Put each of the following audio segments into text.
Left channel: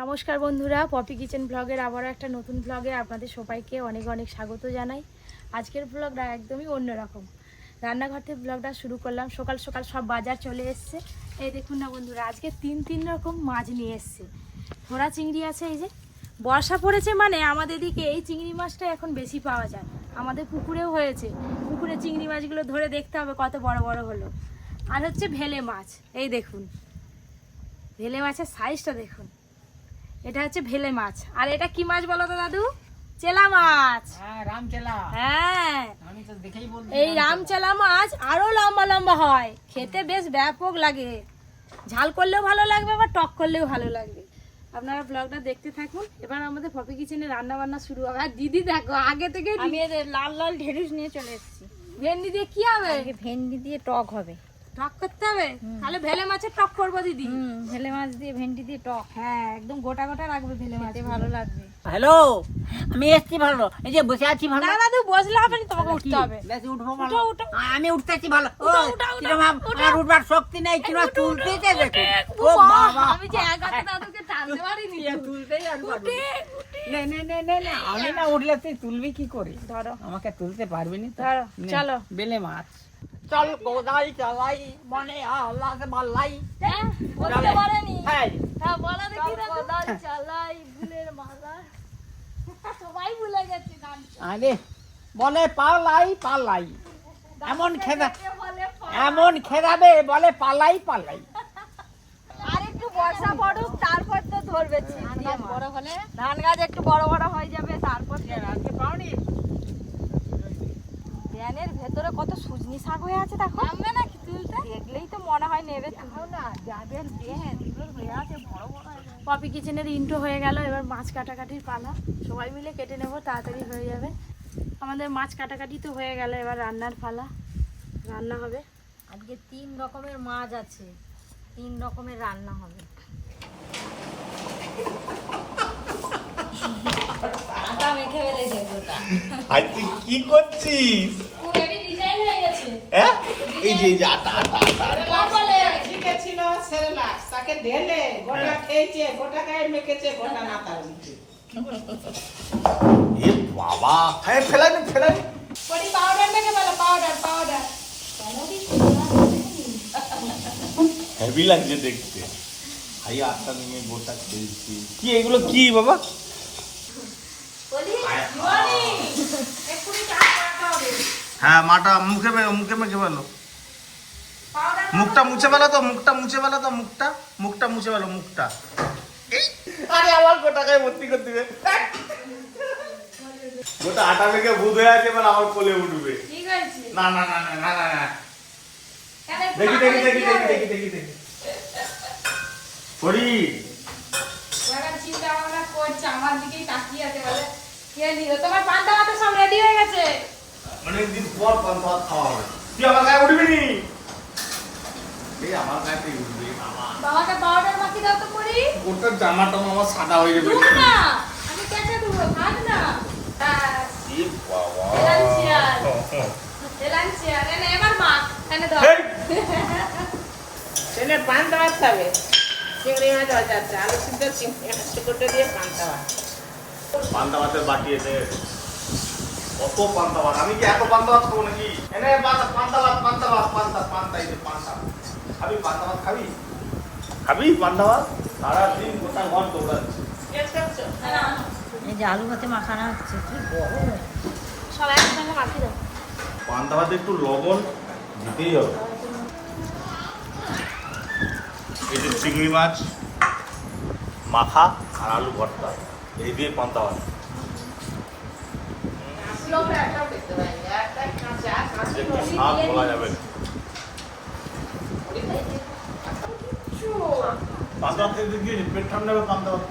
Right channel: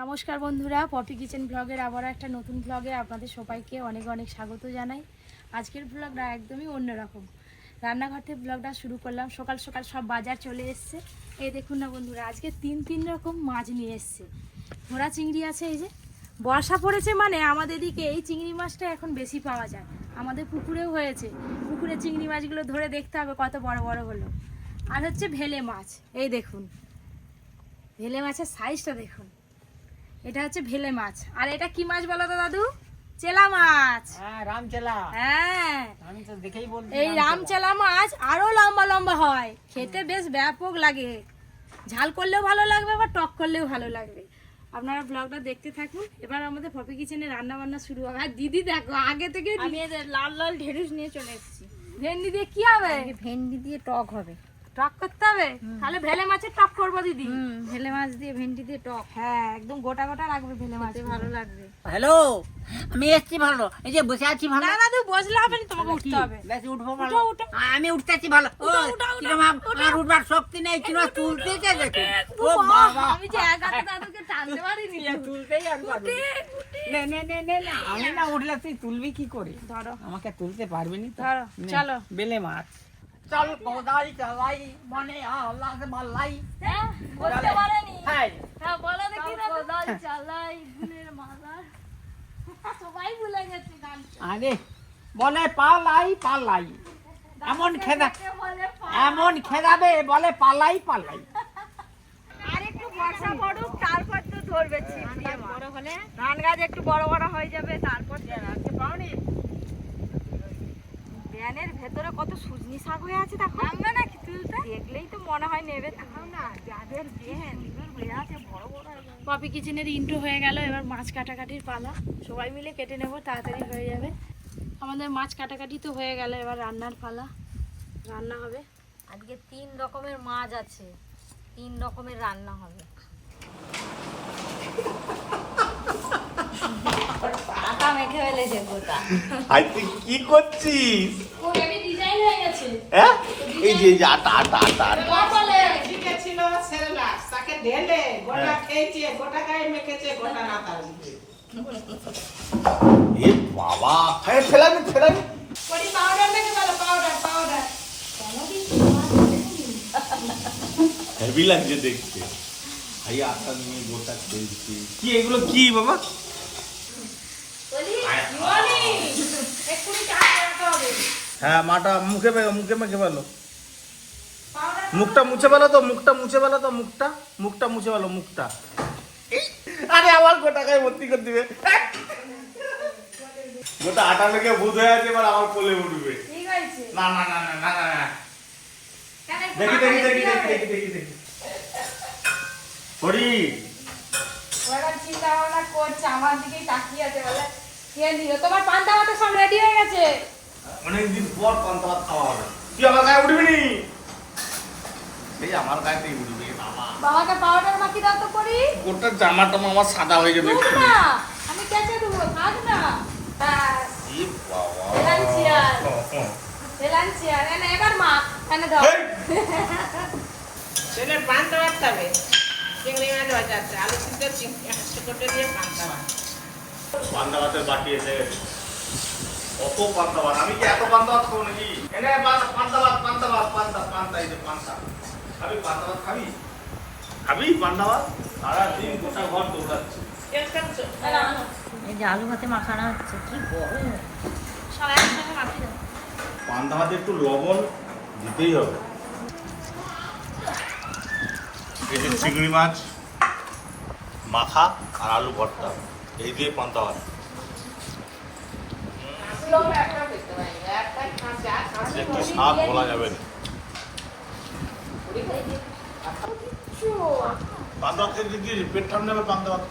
নমস্কার বন্ধুরা, poppy kitchen ব্লগের আবার একটা নতুন ব্লগে আপনাদের সবাইকে অনেক অনেক স্বাগত জানাই। আজকের ব্লগটা একদমই অন্যরকম। রান্নাঘর থেকে ব্লগটা শুরু করলাম। সকাল সকাল সব বাজার চলে এসছে। এই দেখুন না বন্ধুরা, আজকে তিন তিন রকম মাছ নিয়ে এসছে। ঘোড়া চিংড়ি আছে, এই যে। বর্ষা পড়েছে মানে আমাদের দিকে এই চিংড়ি মাছটা এখন বেশি পাওয়া যায়। আমাদের পুকুরেও হয়েছে। পুকুরে চিংড়ি মাছগুলো ধরে দেখতে হবে কত বড় বড় হলো। আর হচ্ছে ভেলে মাছ, এই দেখুন। ভেলে মাছের সাইজটা দেখুন। এটা হচ্ছে ভেলে মাছ। আর এটা কি মাছ বলো তো দাদু? চেলা মাছ। হ্যাঁ রামচেলা। হ্যাঁ। এই রামচেলা। মাছ আরও লম্বা লম্বা হয়। খেতে বেশ ব্যাপক লাগে। ঝাল করলেও ভালো লাগবে বা টক করলেও ভালো লাগবে। আপনারা ব্লগটা দেখতে থাকুন। এবার আমাদের পপি কিচেনে রান্না বান্না শুরু হবে। আর দিদি দেখো আগে থেকে আমি লাল লাল ঢেঁড়স নিয়ে চলে এসেছি। ভেন্ডি দিয়ে কি হবে? ভেন্ডি দিয়ে টক হবে। টক করতে হবে? তাহলে ভেলে মাছের টক করব দিদি। হুম ভেলে মাছ টক। হ্যাঁ একদম গোটা গোটা রাখবে ভেলে মাছ ভালো লাগবে। হ্যালো আমি এসছি ভালো। এই যে বসে আছি ভালো। না দাদু বসলে হবে না তোমাকে উঠতে হবে। বেশি উঠবো ভালো। উঠো, উঠো। আ- আমি উঠতেছি ভালো। ও কিরম আমার উঠবার শক্তি নেই কিরম ও বাবা। আমি যে এক হাতে দাদুকে টানতে পারিনি। তুলতেই আর না। নে, নে, নে, নে, নে। আমি না উঠলে তুই তুলবি কি করে? ধরো। আমাকে তুলতে পারবি না তো? চলো। বেলে মাছ। চল গোদাই চালাই মনে আল্লাহ মালাই বলতে পারেনি হাই হ্যাঁ বলো দেখি দাদু চালাই ফুলের মালা। সবাই ভুলে গেছে গান আরে বলে পালাই পালাই। এমন খেদা এমন খেদাবে বলে পালাই পালাই। আর একটু বর্ষা পড়ুক তারপর তো ধরবে বড় হলে? ধান গাছ একটু বড় বড় হয়ে যাবে তারপর ব্যানের ভেতরে কত সুজনি শাক হয়ে আছে দেখো। আমরা নাকি তুলতে? দেখলেই তো মনে হয় নেবে না যাদের সুন্দর হয়ে আছে বড় বড় পপি কিচেনের ইন্ট্রো হয়ে গেল এবার মাছ কাটাকাটির পালা। সবাই মিলে কেটে নেব তাড়াতাড়ি হয়ে যাবে। আমাদের মাছ কাটাকাটি তো হয়ে গেল এবার রান্নার পালা। রান্না হবে। আজকে তিন রকমের মাছ আছে তিন রকমের রান্না হবে। মেখে ফেলেছে গোটা আর তুই কি করছিস? ডিজাইন হয়ে গেছে। হ্যাঁ? এই যে এই যে আটা আটা আটা আটা। সেরেলাক্স তাকে ঢেলে গোটা খেয়েছে গোটা গায়ে মেখেছে গোটা নাতার এ বাবা হ্যাঁ ফেলানি ফেলানি পরি পাউডার থেকে বলো পাউডার পাউডার হেভি লাগছে দেখতে। আটটা নিয়ে গোটা খেলছি কি এগুলো কি বাবা? হ্যাঁ মাটা মুখে মে- মুখে মেখে ফেলো। মুখটা মুছে ফেলো তো মুখটা মুছে ফেলো তো মুখটা মুখটা মুছে ফেলো মুখটা। আরে আমার গোটা গায়ে ভর্তি করে দিবে। গোটা আটা মেখে ভূত হয়ে আছে এবার আমার কোলে উঠবে। না না না না না না না। দেখি দেখি দেখি দেখি দেখি দেখি দেখি। সরি ওরা চিন্তা ভাবনা করছে আমার দিকেই তাকিয়ে আছে বলে কে নিল? তোমার পান্তা ভাতে সব রেডি হয়ে গেছে। অনেকদিন পর পান্তা ভাত খাওয়া হবে। তুই আমার গায়ে উঠবি নি? এই আমার গায়ে তুই উঠবি বাবা। বাবাকে পাউডার মাখিয়ে দাও তো করি গোটা জামা আমার সাদা হয়ে যাবে দুধ এক্ষুনি। না আমি কেটে দেবো কাট না। হ্যাঁ বাবা এনে এবার মা এনে দাও চিংড়ি মাছ দেওয়া আলু সিদ্ধ চিংড়ি ছোটো দিয়ে পান দেওয়া পান্তা ভাতের বাটি এসে কত পান্তা ভাত আমি কি এত পান্তা ভাত খাব নাকি? এনে পান্তা- পান্তা ভাত পান্তা ভাত পান্তা পান্তা এই যে পান্তা খাবি পান্তা ভাত খাবি খাবি পান্তা ভাত সারাদিন গোটা ঘর দৌড়াচ্ছি এই যে আলু ভাতে মাখানো হচ্ছে কি গরম। সব একসঙ্গে মাখিয়ে দাও। পান্তা ভাতে একটু লবণ দিতেই হবে। এই যে চিংড়ি মাছ মাখা আর আলু ভর্তা। এই দিয়ে পান্তা ভাত। যে কি স্বাদ বলা যাবে। পান্তা খেতে গিয়ে পেট ঠান্ডা হবে, পান্তা ভাত।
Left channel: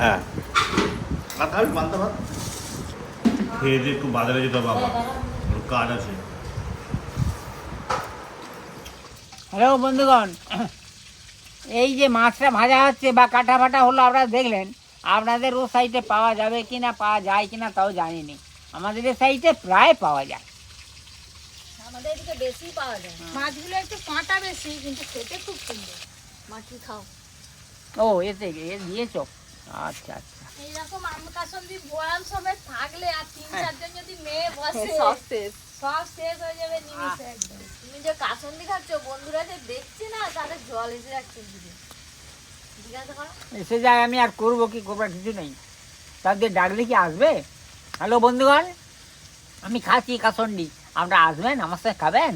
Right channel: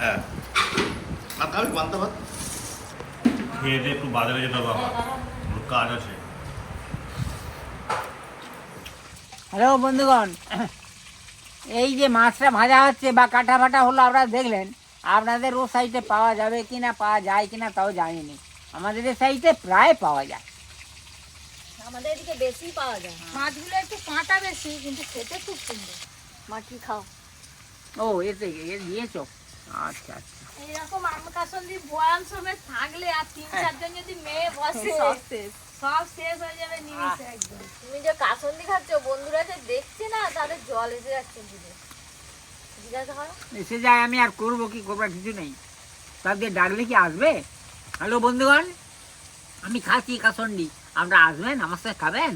হ্যাঁ। আর খাবি, পান্তা ভাত? খেয়ে দিয়ে একটু বাজারে যেতে হবে ওর কাজ আছে। হ্যালো বন্ধুগণ। এই যে মাছটা ভাজা হচ্ছে বা কাটা ফাটা হলো আপনারা দেখলেন। আপনাদের ও সাইডে পাওয়া যাবে কি না পাওয়া যায় কি না তাও জানিনি। আমাদের এই সাইডে প্রায় পাওয়া যায়। আমাদের এদিকে বেশি পাওয়া যায়। মাছগুলো একটু কাঁটা বেশি কিন্তু খেতে খুব সুন্দর। মাটি খাও? ও এতে এ দিয়েছ? আচ্ছা আচ্ছা। এইরকম আমকাসন্দি বয়াম সমেত থাকলে আর তিন চারজন যদি মেয়ে বসে। সব শেষ হয়ে যাবে নিমিশে একদম। তুমি যে কাসন্দি খাচ্ছ বন্ধুরা তো দেখছে না তাদের জল এসে যাচ্ছে দিদি জিজ্ঞাসা করো এসে যায় আমি আর করব কি? করবার কিছু নেই। তাদের ডাকলে কি আসবে? হ্যালো বন্ধুগণ। আমি খাচ্ছি কাসন্ডি আপনারা আসবেন? আমার সাথে খাবেন?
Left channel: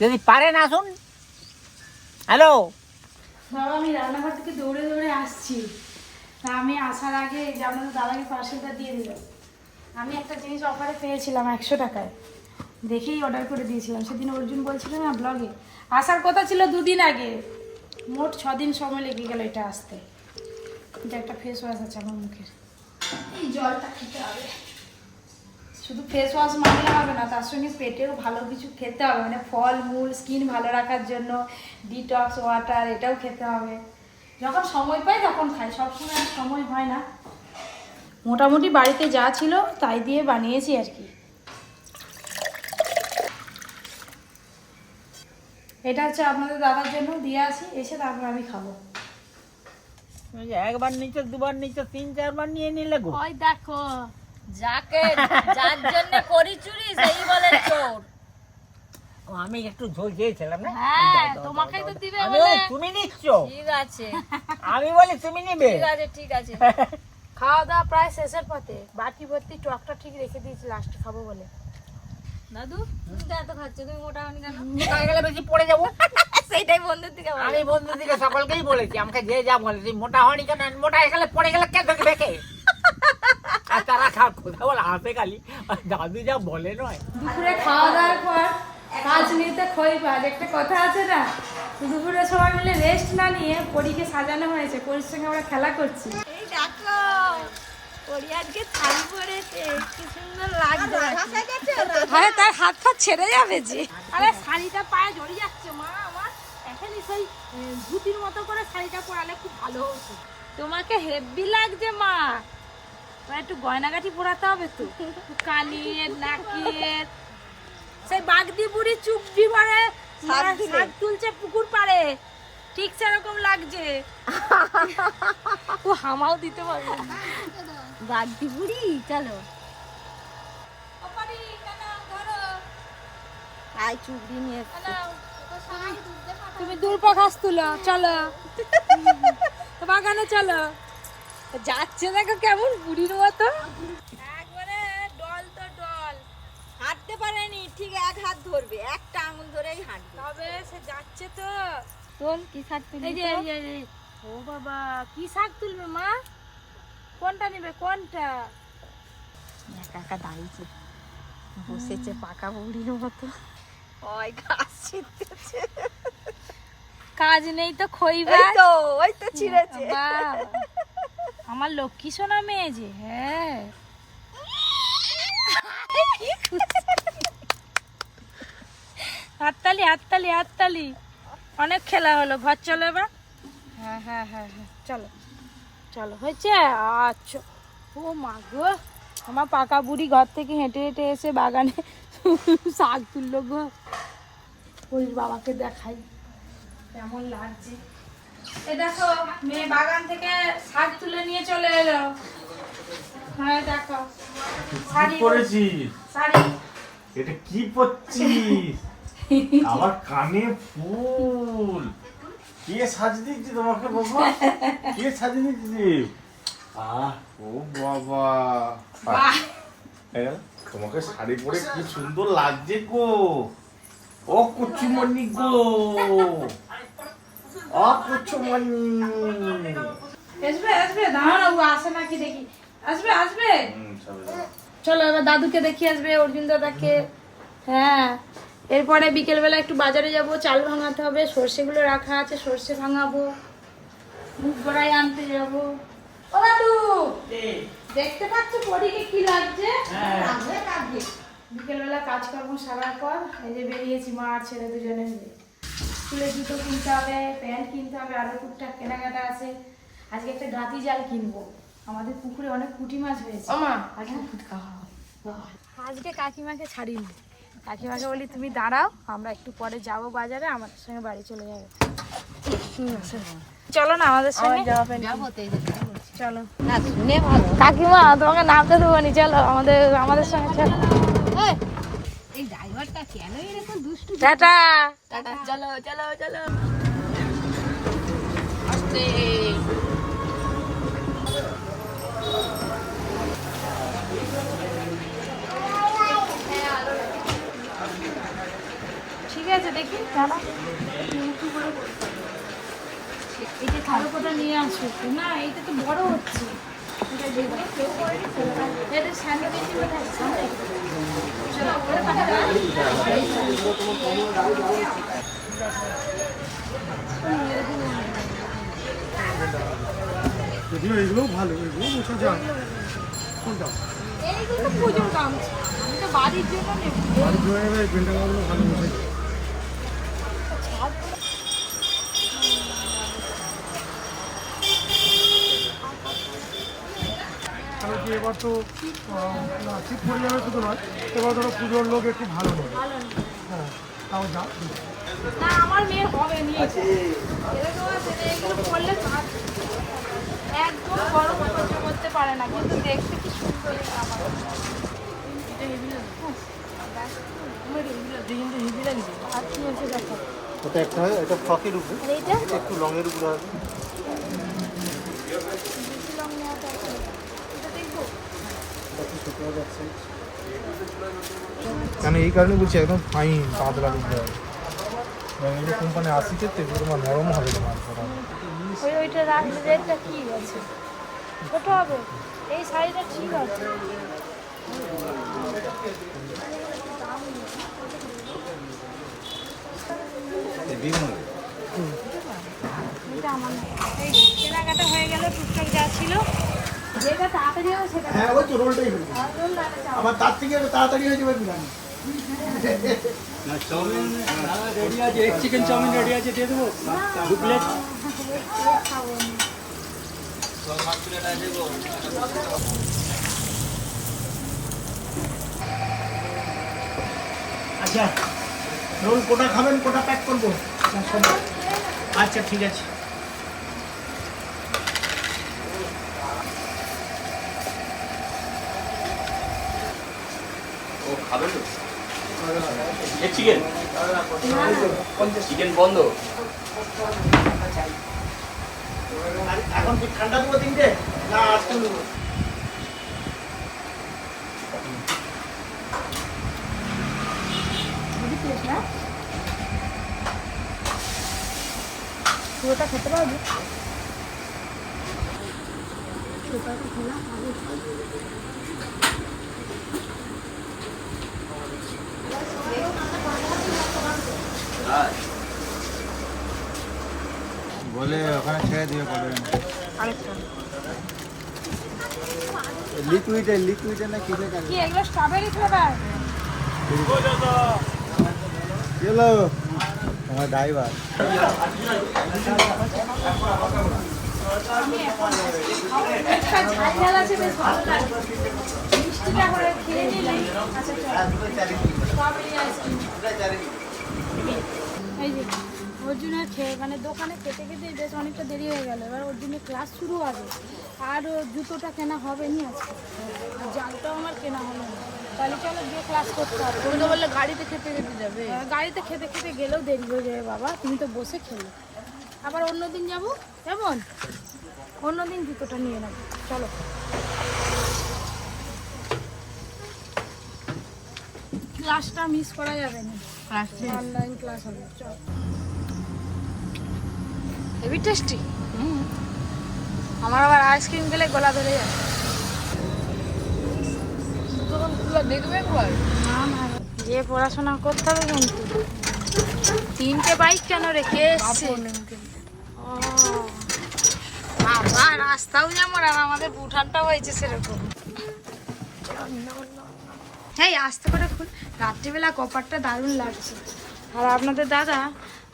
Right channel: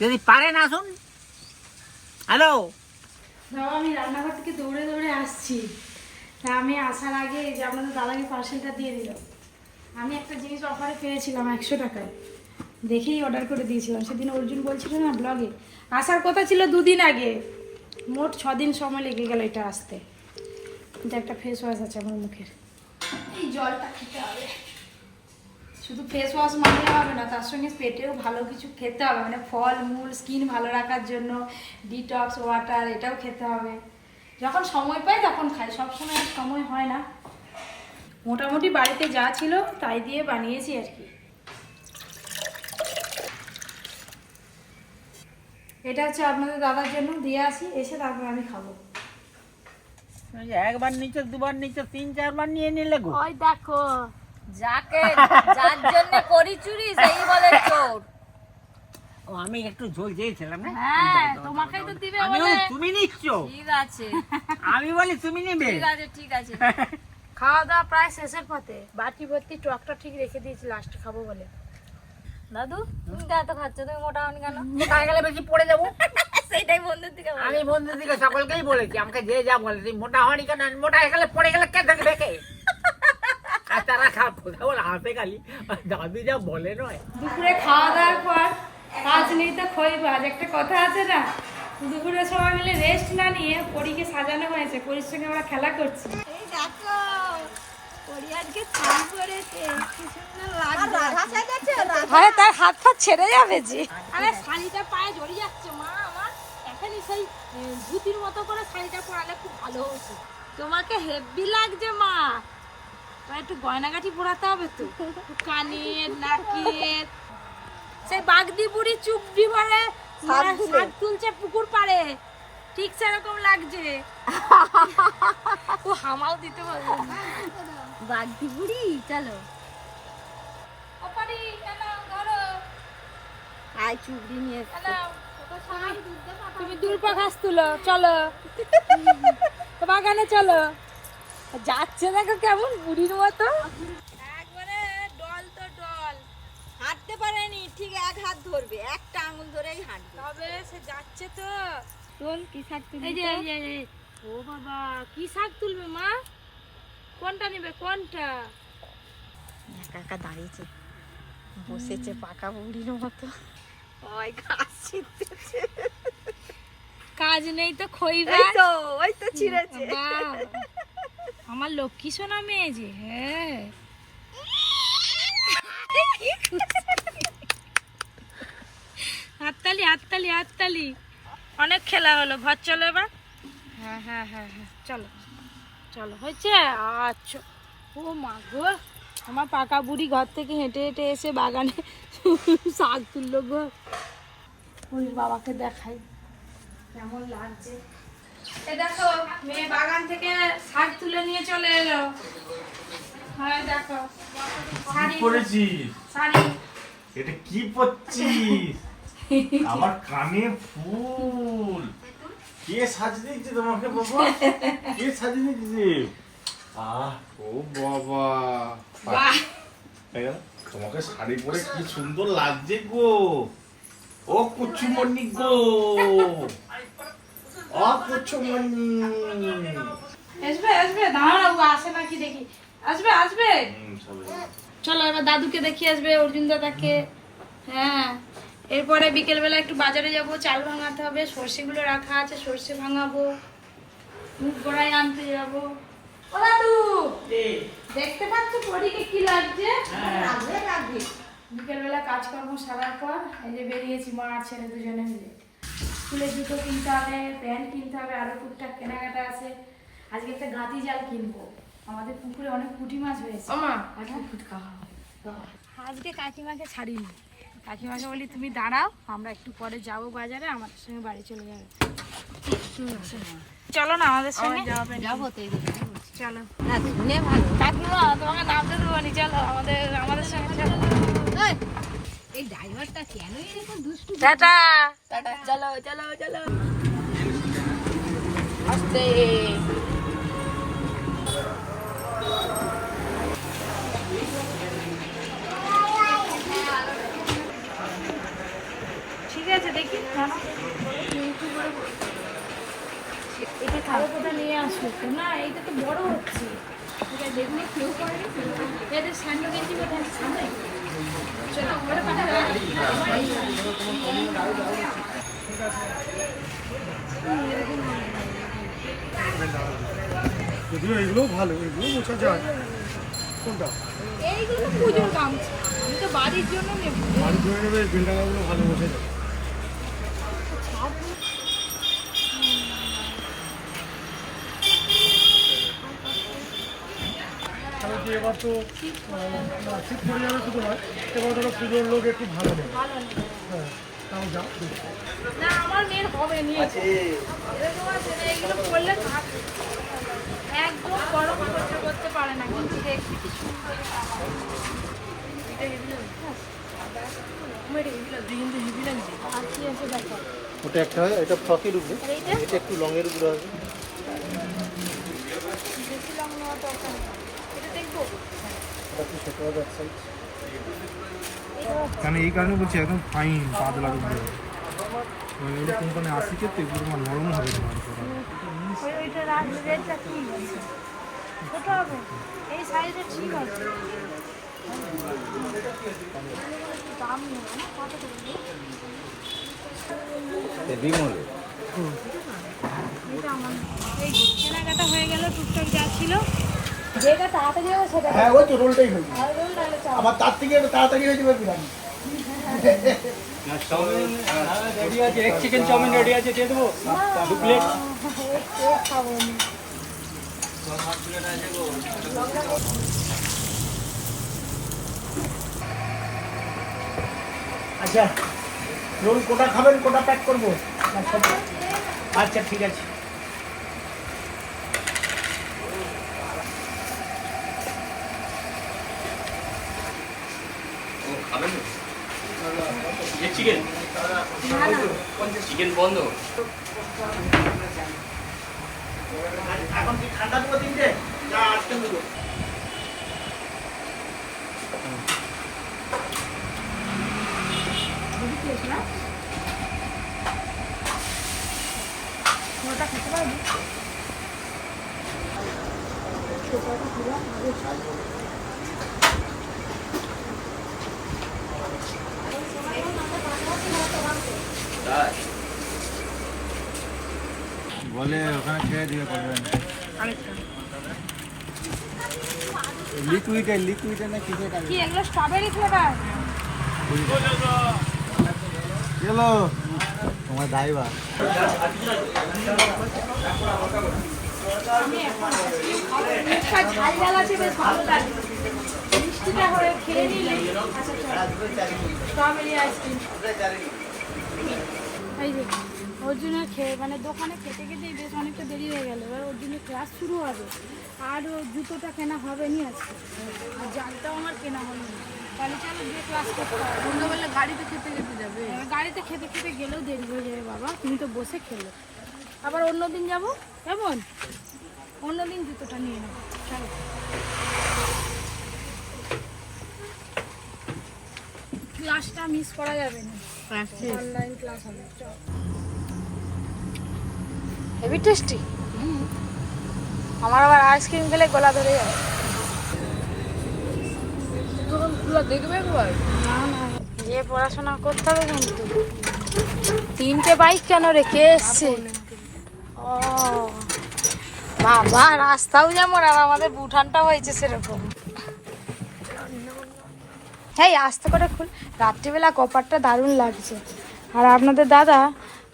যদি পারেন আসুন। হ্যালো। বাবা আমি রান্নাঘর থেকে দৌড়ে দৌড়ে আসছি। তা আমি আসার আগে যে আপনাদের দাদাকে পার্সেলটা দিয়ে দিল আমি একটা জিনিস অফারে পেয়েছিলাম একশো টাকায়। দেখেই অর্ডার করে দিয়েছিলাম। সেদিন অর্জুন বলছিল না ব্লগে আসার কথা ছিল দুদিন আগে। মোট ছ দিন সময় লেগে গেল এটা আসতে। কিন্তু একটা ফেস ওয়াশ আছে আমার মুখের। জলটা খেতে হবে। শুধু ফেস ওয়াশ মানলে হবে না, তার সঙ্গে পেটেও ভালো কিছু খেতে হবে। মানে ফল, মূল স্কিন ভালো রাখার জন্য ডিটক্স ওয়াটার এটাও খেতে হবে। যখন সময় পাই তখন খাই, সবসময় আর সময় হয় না। মোটামুটি বাড়িতে যা ছিল তাই দিয়ে বানিয়েছি আর কি। এটা হচ্ছে আপনাদের দাদার জন্য। দিয়ে আসি এসে তারপর আমি খাব। একবার নিচে দুবার নিচে তিন চারবার নিয়ে নিলে গো। ওই দেখো যাকে যার জন্য করি চুরি সেই বলে চোর। ও, আমি একটু ঝোল চেয়েছিলাম না হ্যাঁ, দাও, তোমাকে তো দিবে আমি তুমি নিচ্ছ? ঠিক আছে। আমি বলি তুমি নিবে? ঠিক আছে ঠিক আছে। খাওয়া দাওয়া প্রায় শেষের পথে। বাটি ভর্তি টকটা ঠিক রেখে দিয়েছি লাস্টে খাব বলে। দাদু তুমি এত খাচ্ছ তুমি মোটা হনি কেন? তাই গেলে বেশি পড়ে যাব। সেইটাই বন্ধুর বলো। আমি বন্ধুর দিকে সকলকেই বলেছি আমাকে যে যা বলে তুই মোটা হয়নি কেন? মোটা গেলে পড়ে গেলে কে দেখবে কে? আর তারা খা কথা বলে হাসে খালি। আর দাদু যা বলে নয়। দুপুরে খাওয়া দাওয়ার পর কাজ নেই তো খই বাজ একটা কথা আছে না? দুপুরে সবাই মিলে রেস্ট না নিয়ে পরীকে সাজানো হয়েছে। পরীর সঙ্গে আমরা খেলা করছি। আরে তার হাত ফাত ছেড়ে যাবে যে। আরে শাড়িটা পায়ে জড়িয়ে যাচ্ছে। মা আমার এখনই সেই ধুতির মতো করে শাড়িটা পরালে খুব ভালো হতো। তোমাকে হেভি লাগছে মা। একটু গয়নাগাটি পরাতে হবে তো? কানের নাকের। সেই বাগদি বুড়ি চুপড়ি ভরে শাক তুলছে পুকুর পাড়ে। ঠিক সেরকম লাগছে। ও হামাও দিতে পারবে না। বাগদি বুড়ি চলো? আয় চুবড়ি নিয়ে। তুমি দূর্পা ঘাস তুলো চলো। বাগানে চলো। যাচ্ছে দেখো কেমন বুড়ির মতো। একবারে ডল তো ডল। হাঁটতে পারেনি ঠিক এক হাত ধরবে একটা আঙুল ধরেই হাঁটবে। তবে সে যাচ্ছে তো। তোল কি শাক তুলি এই যে এই যে, এই যে। ও বাবা কি শাক তুলবে মা? কোনটা নেবে? কোনটা? একা দাঁড়িয়েছে। বসেছে পাকা বুড়ির মতো। ওই ছিঁড়তেছে। কাজ নেই তো খইবা তো ওই তো ছিঁড়েছে। আমার লক্ষ্মী সোনা মেয়ে যে হ্যাঁ। হাততালি হাততালি হাততালি। অনেক খেলা হলো ঘর চলো এবার। হ্যাঁ হ্যাঁ হ্যাঁ হ্যাঁ চলো। চলো হয়েছে? আচ্ছা। ও মা গো আমার পাকা বুড়ি ঘর থেকে হেঁটে হেঁটে এসে বাগানে শাক তুললো গো। ওই বাবাকে দেখাই কেমন লাগছে। এ দেখো মেয়ে বাগান থেকে শাক তুলে নিয়ে চলে এলো। হ্যাঁ দেখো। শাড়ি। এটা কি পরছিস? আমার কানে ফুল। কে সাজ দিচ্ছে তোমাকে বাবা কে সাজিয়ে দিচ্ছে আহ ও বাবা। হ্যাঁ, তোমাকে শাড়ি পরে কি সুন্দর লাগছে গো। ও কুচুমণি গো। ও কুচুমণি। আসবে আসবে দাঁড়াও আসে নাকি দেখি। আসবে আসবে। চলো এবার দাদুকে দেখি আসবে অর্জুন দাদাকে। হ্যাঁ। এরপরে বিকেলবেলা একটু বাজারে যাব চাল ভাঙাতে হবে সর্ষেগুলো রাখা আছে সর্ষে ভাঙাবো মুখ গড়াই আনতে যাব। ও দাদু! দেখতে পাচ্ছ পরীকে কি লাগছে? বিকেলবেলা কাজকর্ম সারার পর এই যে বেরিয়েছি মা আর ছেলে দুজনে মিলে। স্কুলের জুতো কিনতে হবে প্যান্ট কিনতে হবে আরও টুকটাক কেনাকাটা আছে। আজকে একটা গাঁতি জাল কিনবো। আমাদের পুকুরে অনেক পুঁটি মাছ হয়েছে। আজকে ফুটকা হবে। আজকে কাকিমাকে ছাড়িনি। কাকিমাকে বলি তুমি দাঁড়াও আমরা একটু পরে যাব বাজারে আমাদের সঙ্গে বাড়ি চলে যাবে। চলো না আমাদের সঙ্গে। চলো। কাকিমা তোমাকে নামতে দেবো নি চলো আমাদের আমাদের সঙ্গে চলো। এই, এই ড্রাইভারটা কেন এরকম দুষ্টু? টাটা। টাটা। চলো চলো চলো। আস্তে। ঠিক আছে দেখি। এটা কালো কোটা নিয়ে আসো না এইটা তো বড় হচ্ছে। এটা করে এটা যদিও ভালো এগুলো বোঝা যায়। কোনটা? এইগুলো পুজোর গামছা। আমি তো বাড়ির জন্য নেব। বাড়ি ধরে নেবে বেন্ডাগাগুলো ভালো বোঝা যায়। এবার তো শীত পড়ে যাবে শুধু নয় এবার ধরো পুজোর লোক একটু ভালো নেবে। নেই হ্যাঁ তাও যা না আমার হবে নি। এগুলো পরলে থাক- একদম গরম করতে পারে না কিন্তু দেখতে কি সুন্দর ওটা একটা এটা ফ্রকের উপরে একটু উপরে হবে বেশি লং নেওয়াটা আছে না। এটা দেখব? এটা একটু ছোট হবে এক সাইজ কেন এই কারণে বলছি একদম ফাইন পাতলা দিতে হবে এগুলো কোম্পানি আসিছে তো এগুলো তোমার নরম হবে কেনাকাটা হয়ে গেল টুকটাক যা ছিল। যেটা তাড়াতাড়ি হবে সেটা হ্যাঁ ওই তো রোলটাই হলো আর রোল নাহলে চাপ। আবার তার থেকে তাড়াতাড়ি হয়ে যাবে বিরিয়ানি রেডি আছে এক চিকেন চাউমিন রেডি আছে দিয়ে দেবো দু প্লেট কেক খাব না। আচ্ছা রোল কোটা খাবেন কোটা প্যাক করব না সব? আচ্ছা ঠিক আছে ও খাবে চিকেন চিকেন বন্ধ? এখন কি ঠান্ডা দেবো তিনটে? না আজকে পুরোটা খেতে পারবি খোলা আগে খাই। বলে ওখানে ছেড়ে দিয়ে আরেকটা। লিকুইডে লিকুইডে না কিছু কি এগুলো স্ট্রবেরি ফ্লেভার চলো তোমার ড্রাইভার আমি এখন আইসক্রিম খাব। মিষ্টিটা ঝাল ঝাল আছে বেশ ভালো লাগে মিষ্টিটা করে খেয়ে নিলে আচ্ছা স্ট্রবেরি আইসক্রিম এই যে অর্জুনের খেয়ে মানে দোকানে খেতে খেতেই বেশ অনেকটা দেরি হয়ে গেল। এবার অর্জুনের ক্লাস শুরু হবে। আর জুতোটা কেনা হবে নি আজকে। আর জালটাও আমার কেনা হলো না। তাহলে চলো গিয়ে ক্লাস করতে হবে। তোমরা বললে গাড়িতে খেতে যেতে যাবে। আহ, গাড়িতে খেতে খেতে গেলেও দেরি হয়ে যাবে বাবা। তুমি তো বসে খেলো। আবার অন্য দিন যাব? কেমন? অন্য দিন জুতোটা নিয়ে নেব। চলো। ক্লাসটা মিস করা যাবে না। অনলাইন ক্লাস হবে হেভি টেস্টি আমার আবার আইসক্রিম খেলে গলা ধরে যায়। খোলা দেখবে একবার? না না। গিয়ে পড়াশোনা করতে হবে কিন্তু। তিনটে বাইক কেন রেখে এসছে? ও বাবা রাস্তাও যেমন আর আমাদের বুঠানটা হয়েছে সেরকম। হ্যাঁ আস্তে করে খুল। রাত্রিবেলা কপারটা দারুণ লাগছে। আর আপনাদের দাদা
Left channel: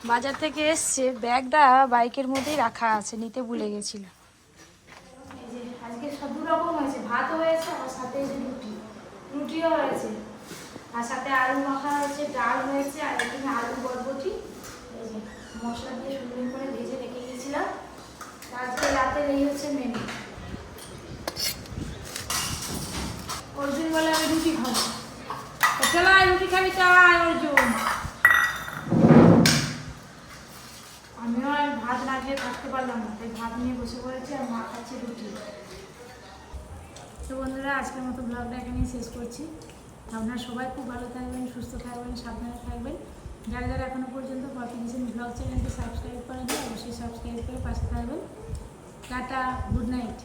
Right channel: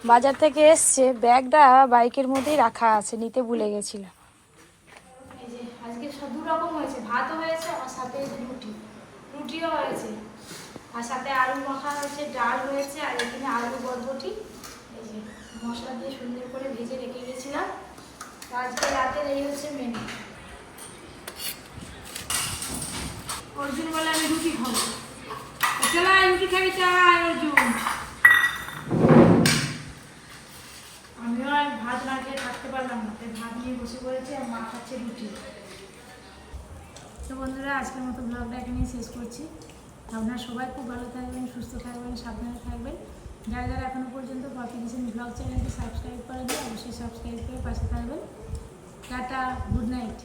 বাজার থেকে এসছে, ব্যাগটা বাইকের মধ্যেই রাখা আছে, নিতে ভুলে গেছিল। আজকে সব রকম হয়েছে। ভাতও হয়েছে, আমার সাথে রুটি। রুটিও হয়েছে। আর সাথে আলু মাখা হয়েছে, ডাল হয়েছে, আর এখানে আলু বরবটি। মশলা দিয়ে সুন্দর করে ভেজে রেখে গেছিলাম। আজকে রাতের এই হচ্ছে মেনু চলো আয় রুটি খাবি চাই অর্জুন আমিও আর ভাত না খেয়ে থাকতে পারলাম না তাই ভাত নিয়ে বসে পড়েছি আর মা খাচ্ছে রুটি তো বন্ধুরা, আজকের মতো ব্লগটা এখানেই শেষ করছি। আপনারা সবাই খুব ভালো থাকবেন, সুস্থ থাকবেন, সাবধানে থাকবেন। যারা যারা এখনও পর্যন্ত পপি কিচেন ব্লগ চ্যানেলটি সাবস্ক্রাইব করেনি অবশ্যই সাবস্ক্রাইব করে পাশে থাকবেন। Tata, good night.